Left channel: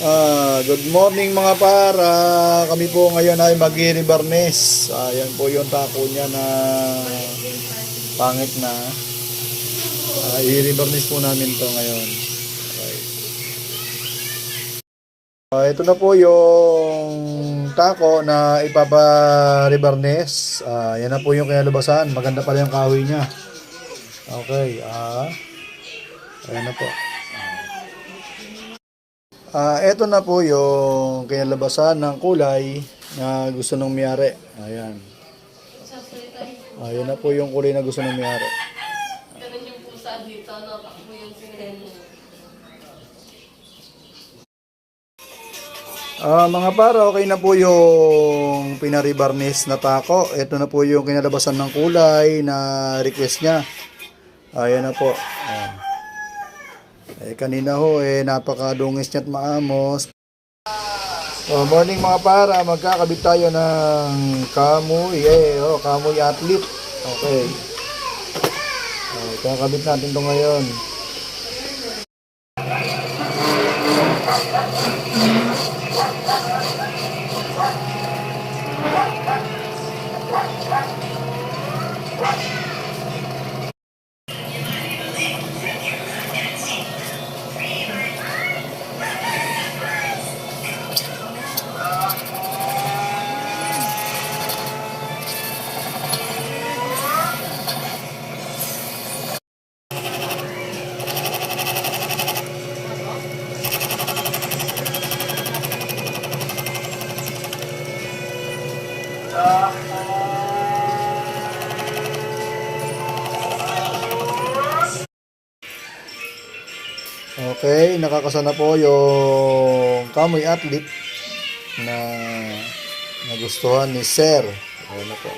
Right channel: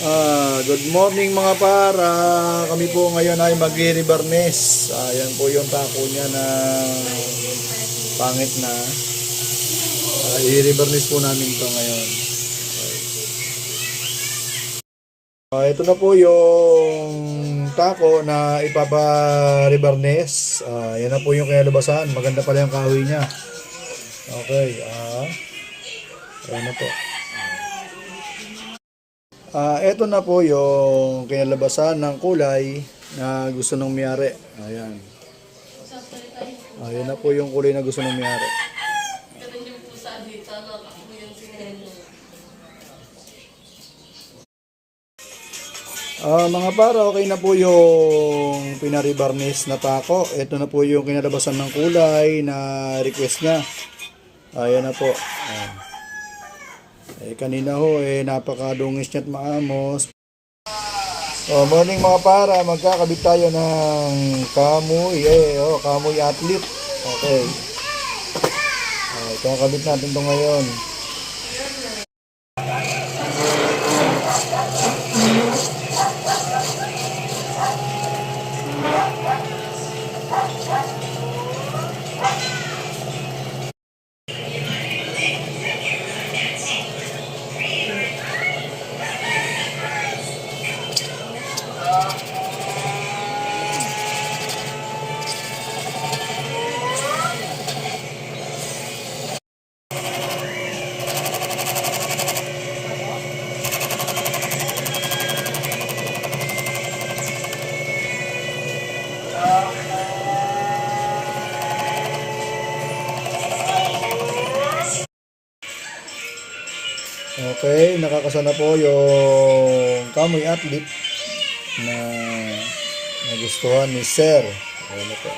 Good morning mga para. Kami po ngayon ay mag-i-rebarnes. Yan po yung tako niya na pangit na. I-rebarnes po namin to ngayon. Okay. Ito na po yung tako na ipapa-rebarnes. Yan na po yung kinalabasan. Maganda pala yung kahoy niya. Okay. Ayan na po. Ito na po yung kinalabasan ng kulay na gusto ng may-ari. Ayan. Ayan na po yung kulay na gusto ng may-ari. Ganun yung pusa dito, no? Takbo yung sinelo. Mga para, okay na po yung pinaribarnis na tako. Ito na po yung kinalabasan ng kulay na request niya. Ayan na po. Ayan. Kanina ho, napakadungis niya at maamos. Morning mga para, magkakabit tayo ng kamoy. Kamoy athlete. Okay. Kakabit natin ito ngayon. Okay, nakakasa na po yung kamoy athlete na nagustuhan ni Sir. Ayan na po.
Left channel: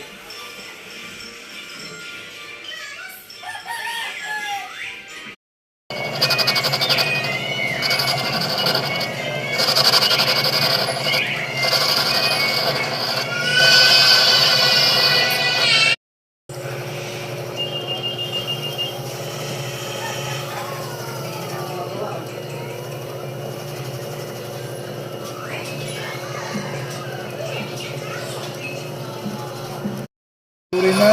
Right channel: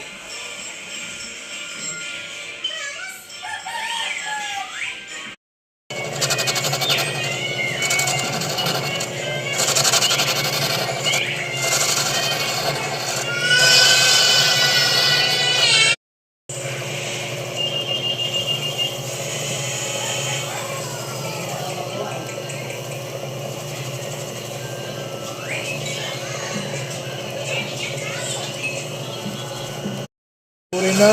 Tuloy na,